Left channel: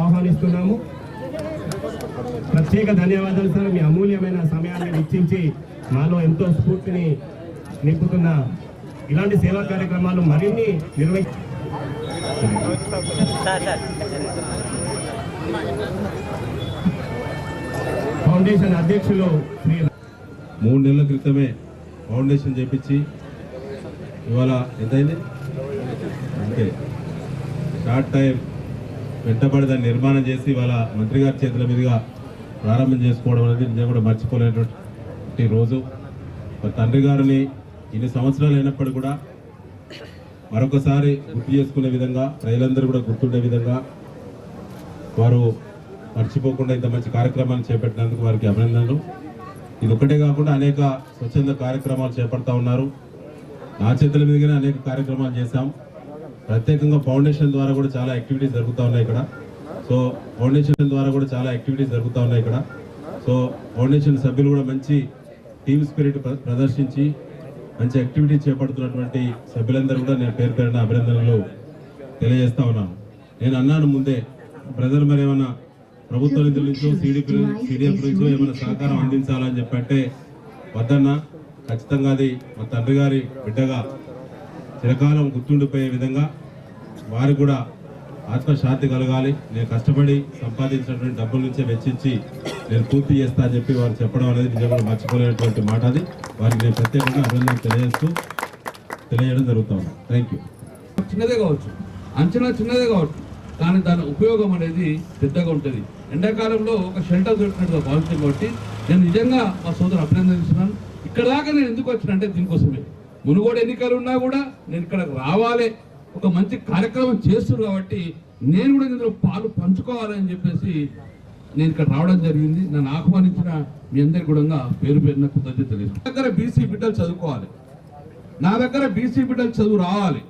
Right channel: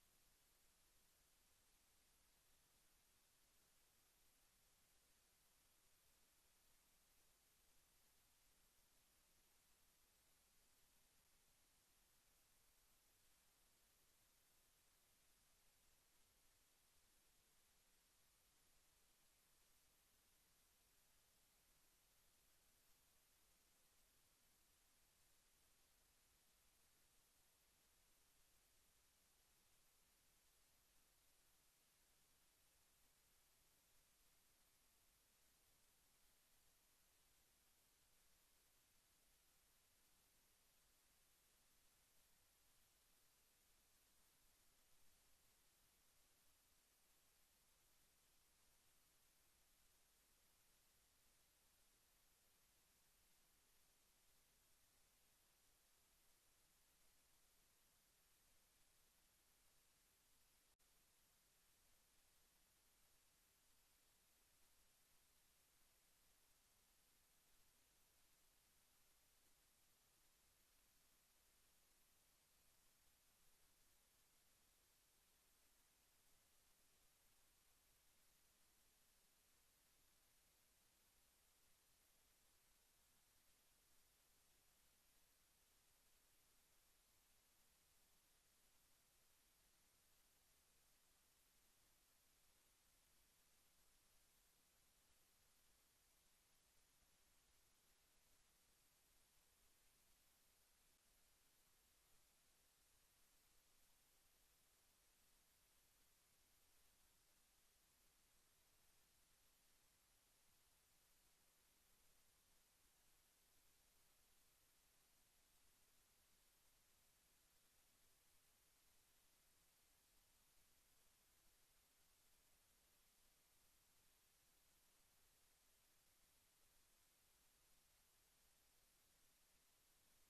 ఆహ్వానిస్తున్నాము. ప్రత్యేక ధన్యవాదాలు సార్, మీ అమూల్యమైన సమయాన్ని వెచ్చించి మాలో ఎంతో స్ఫూర్తిని నింపుతున్న ఇలాంటి సేవా కార్యక్రమాలు మరిన్ని ఫౌండేషన్ అధ్యక్షులు 3 నెలల క్రితమే ఫౌండేషన్ చేపించి ఇవాళ ఎంతైంది అంటే షార్ట్ టైం వెంటబడి దాన్ని నిర్మాణం చేసి ఇవాళ మంత్రి గారి చేతుల మీదుగా ప్రారంభం చేసుకోవడం అనేది నిజంగా కూడా మర్చిపోలేనటువంటి రోజు. మరి తండ్రి గారిని ఇన్ని సంవత్సరాలు అయినప్పటికీ కూడా మరొకసారి గుర్తు చేసుకునే విధంగా, ప్రజలందరూ కూడా గుర్తుండే విధంగా వారు మర్చిపోకుండా ఇంత మంచి కార్యక్రమాన్ని చేపట్టినందుకు వారికి అభినందనలు. ఇది ఒకటే కాకుండా అనేక స్వచ్ఛంద కార్యక్రమాలు చేపడతా ఉన్నారు. నా చేతుల మీదుగానే అనేక కార్యక్రమాలు చేశాం. ప్రత్యేకంగా ఫౌండేషన్ ద్వారా కూడా చాలా యాక్టివిటీస్ జరుగుతూ ఉన్నాయి ఇక్కడ. సో ఫౌండేషన్ సభ్యులు కూడా మంచి టీమ్ స్పిరిట్ ప్రదర్శించి మంచి యాక్టివిటీస్ చేపడుతున్నటువంటి సభ్యులందరూ కూడా నేను పేరు పేరున అభినందనలు తెలియజేస్తా ఉన్నాను. నేను అన్నాను ముందే, ప్రజలు మరి ఏమైనా ప్రభుత్వ నిధుల నుంచో సిడిఎఫ్ నుంచో ఏమైనా సహకారం అందించాలని చెప్పంటే వద్దన్నా, ఖచ్చితంగా అది మా తండ్రి గారి బిడ్డగా చిరకాలం గుర్తుండిపోయే విధంగా వారికి కూడా ఆత్మశాంతి కలగాలి, నేను కష్టపడి సంపాదించినటువంటి డబ్బుల నుంచే వెచ్చించి నేను పూర్తి చేస్తా అని చెప్పి వారు చెప్పడం అనేది నిజంగా మర్చిపోలేనటువంటి మాట. అది వారికి నేను ప్రత్యేకంగా అభినందన తెలియజేయడం జరుగుతూ ఉంది. Thank you. చిన్నదే కావచ్చు, అంచనా చిన్నదే కావచ్చు, కానీ దాని ఉపయోగం అనేది పెద్దగా ఉంటుంది. ఎండాకాలంలో ఒక షెల్టర్ దొరికినట్టుగా భావించాను కాబట్టి నేను నిజంగా మా సోదరు అభినందిస్తున్నాను. ఇక్కడ దాకా నేను ఎందుకు వచ్చిన అంటే దీనికోసమే. మునుగోడు ఎన్నికలు ఉన్నా కూడా నేను ఇక్కడ రావాలి, ఒక మంచి కార్యక్రమం చేస్తున్నారు కాబట్టి నేను కూడా ఇందులో పాలు పంచుకోవాలని చెప్పేసి నేను ఇక్కడ రావడం జరిగింది. నన్ను ఆహ్వానించిన మీ అందరికీ కూడా పేరు పేరున కృతజ్ఞతలు తెలియదు. నా దగ్గర బీసీ బిడ్డలు చదువుకోవాలి, నా దగ్గర బీసీ బిడ్డలు చదువు రావాలి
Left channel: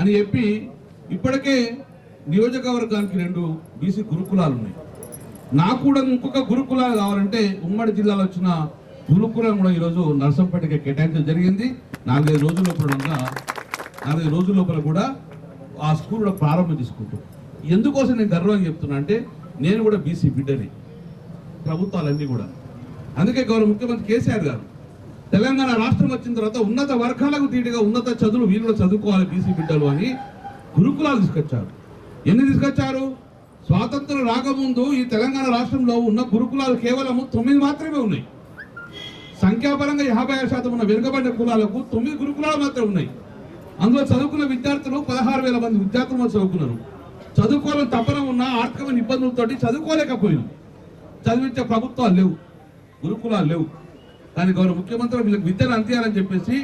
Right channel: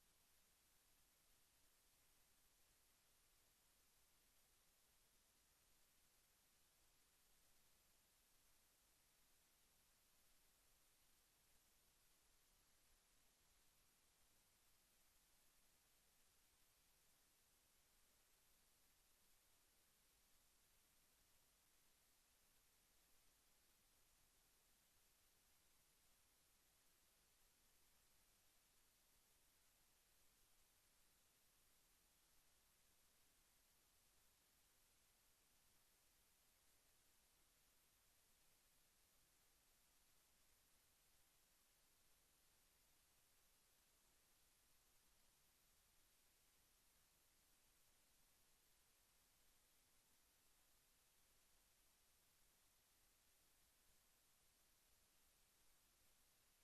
అని చెప్పి ఇప్పటికే నియోజకవర్గానికి 2 బీసీ గురుకులాలు ఉన్నాయి. నాకు కూడా ఇంకొక గురుకులాలు కావాలంటే ఉమ్మడి జిల్లాలో వచ్చిన గురుకులం కూడా ఈరోజు నర్సంపేటకి కేటాయించడం జరిగింది. 4-5 రోజుల లోపల కూడా ఆ స్కూల్ కూడా ప్రారంభం చేసుకుంటాం. ఎందుకోసం నేను గర్వంగా చెప్తున్నా అంటే నేను కూడా బీసీ బిడ్డని, ప్రభుత్వాలన్నీ కూడా. అందుకే గౌరవ ముఖ్యమంత్రి కేసీఆర్ గారు తెలంగాణ రాష్ట్రం వచ్చిన తర్వాత ఉన్నత వర్గాలకు తీటిగా ఉన్నత చదువులు వీళ్ళు చదువుకోవాలి బీసీ బిడ్డలు అని గురుకులాలు తీసుకొచ్చారు. ఎన్ని తీసుకొచ్చారు? స్వాతంత్రం రాకముందు ఈ తెలంగాణ రాష్ట్రంలో ఉన్న గురుకులాలు కేవలం 9 మాత్రమే ఉన్నాయి. సంఖ్యాపరంగా 56% ఉన్న వెనుకబడిన కులాలకు 9 గురుకులాలు మాత్రమే ఉన్నాయి. అందులో చదువుకున్న విద్యార్థులు 16,000 మంది విద్యార్థులు చదువుకున్నారు. చదువుకోవాలని తపన ఉన్న ఆర్థికమైన ఇబ్బందులతో చదువుకోలేకపోయినాం. చదివించే ప్రభుత్వాలు లేవు, గురుకులాలు లేవు. కానీ గౌరవ ముఖ్యమంత్రి వీళ్ళకి విద్యను అందియాలని చెప్పేసి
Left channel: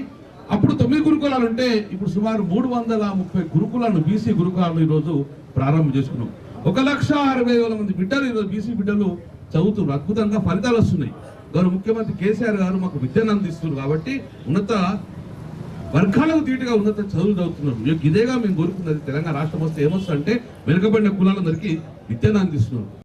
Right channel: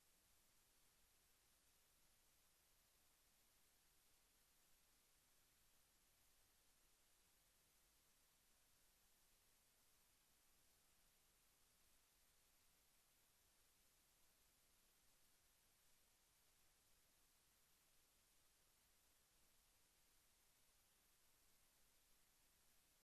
అప్పుడు 9 గురుకులాలు ఉంటే ఇప్పుడు సుమారు 330 గురుకులాలను బీసీ గురుకులాలను ఈరోజు ప్రారంభం చేసుకున్నాం. 1,60,000 మంది బిడ్డలు ఈరోజు బీసీ బిడ్డలు చదువుతున్నారు. అద్భుతంగా ఫలితాలు వస్తున్నాయి. గౌరవ ముఖ్యమంత్రి కేసీఆర్ గారు మాకు విద్యను అందిస్తున్నారు కాబట్టి ఉన్నత వర్గాలకు తీటుగా ఉన్నత చదువులు చదువుతున్నారు. ఇదేగా మేము కోరుకున్నది. తెలంగాణ రాష్ట్రం వస్తే ఏమొస్తుందంటే వెనుకబడిన కులాలందరికీ విద్యను అందిస్తున్నారు.